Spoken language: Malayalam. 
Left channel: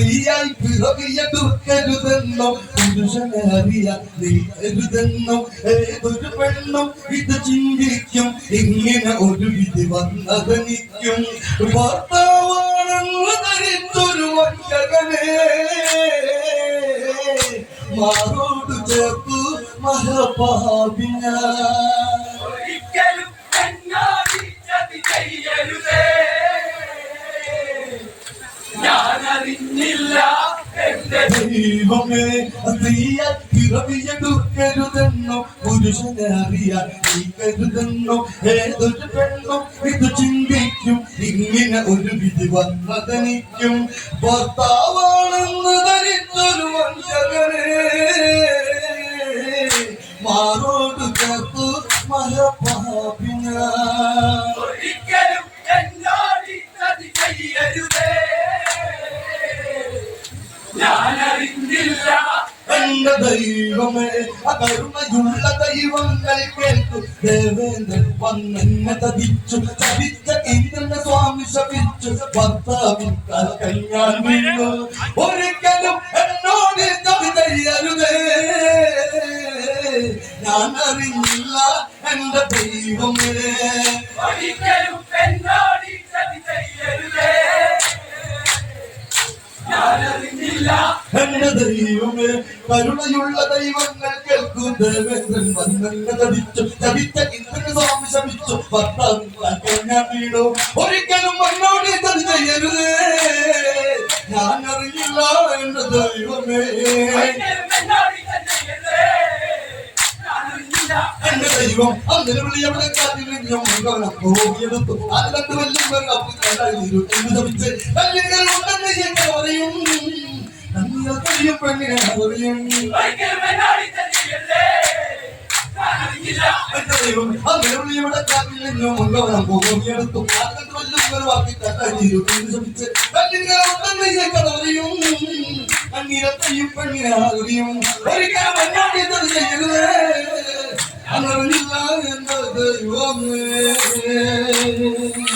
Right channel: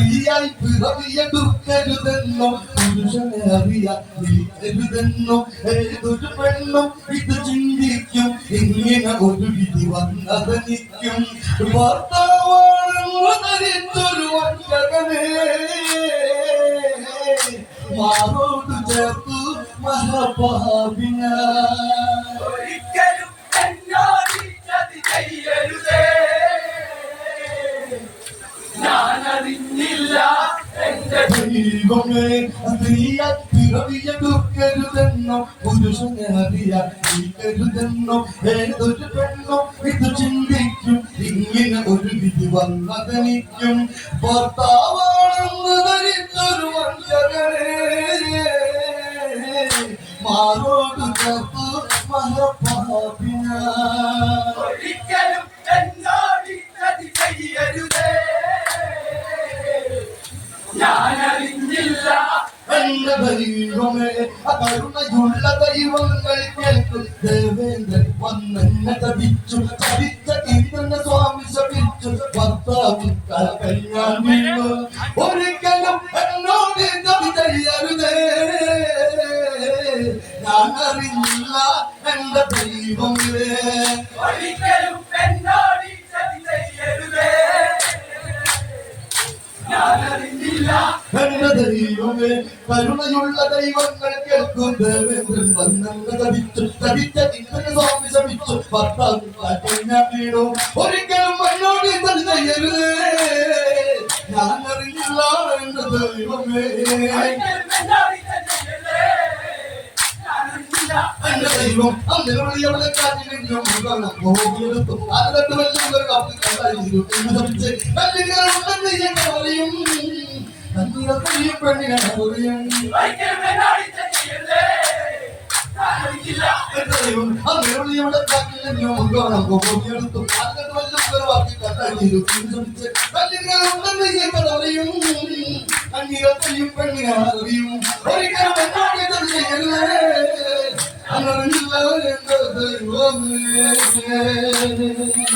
സ്ത്രീയായി പിറവിയെടുക്കരുതെന്നോ പുരുഷനെ അറിയ നീ കരുതെന്നോ ഏതൊരു പെണ്ണും ഇത് ചിന്തിക്കും. ഇങ്ങനെ ഒരു വിധി വന്നതനിക്കും. ഭർത്താവാണെന്ന് ധരിച്ചൊരു വഞ്ചകനെ മാറോട് ചേർത്തു മഹാഭാവിന ഒരിക്കലും എന്നോട് ചെയ്യരുതേ ഞാൻ അറിഞ്ഞില്ല എന്റെ ദൈവമേ സ്ത്രീയ പിറവിയെടുക്കരുതെന്നോ പുരുഷനെ അറിയാൻ നീ കരുതെന്നോ ഏതൊരു പെണ്ണോ ഇത് ചിന്തിക്കും. ഇങ്ങനെ ഒരു വിധി വന്നതനിക്കും. ഭർത്താവാണെന്ന് ധരിച്ചൊരു വഞ്ചകനെ. മാറോട് ചേർത്തു ഞാൻ എന്ന ദൈവമേ കരുണയുള്ള ദൈവങ്ങൾ കേൾക്കും. ദേവേന്ദ്രൻ വന്നെന്നെ തപിച്ചു തടിച്ച ഇന്നെ സ്വാമി ശപിച്ചു. കാൽക്കൽ ഞാൻ വീണു ഒരിക്കലും എന്നോട് ചതി ചെയ്യരുതേ ഞാൻ അറിഞ്ഞില്ല എന്റെ ദൈവമേ. ഒരിക്കലും എന്റെ ദൈവമേ കരുണയുള്ള ദൈവങ്ങൾ കേൾക്കും. ദേവേന്ദ്രൻ വന്നെന്നെ തടിച്ചു തടിച്ച ഇന്ദ്രൻ സ്വാമി ശമിച്ചു. വീണു ഒരിക്കലും എന്നോട് ചതി ചെയ്യരുത് ഞാൻ അറിയില്ല എന്റെ ദൈവമേ ഒരിക്കലും എന്നോട് ഈ ചതി ചെയ്യരുതേ ഞാൻ അറിഞ്ഞില്ല എന്റെ ദൈവം അങ്ങനെ വിളിയവളെ കാറ്റിലെങ്കിലും മുഖവനം പോകിയെടുത്തു അത് കണ്ട് വല്ലുമ്പോൾ കപ്പി കണ്ടായിരുന്നു എന്ന് ശമിച്ച് കല്ലിങ്ങൾ ഉണ്ടെന്ന് എന്നെ പറയും. കണ്ണീര കഴിയും പെണ്ണിനെ പറയും ദൈവം പറയും. കണ്ണീര കഴിയും പെണ്ണിനെ അറിയും. ഒരിക്കലും അങ്ങറില്ല എന്റെ ദൈവമേ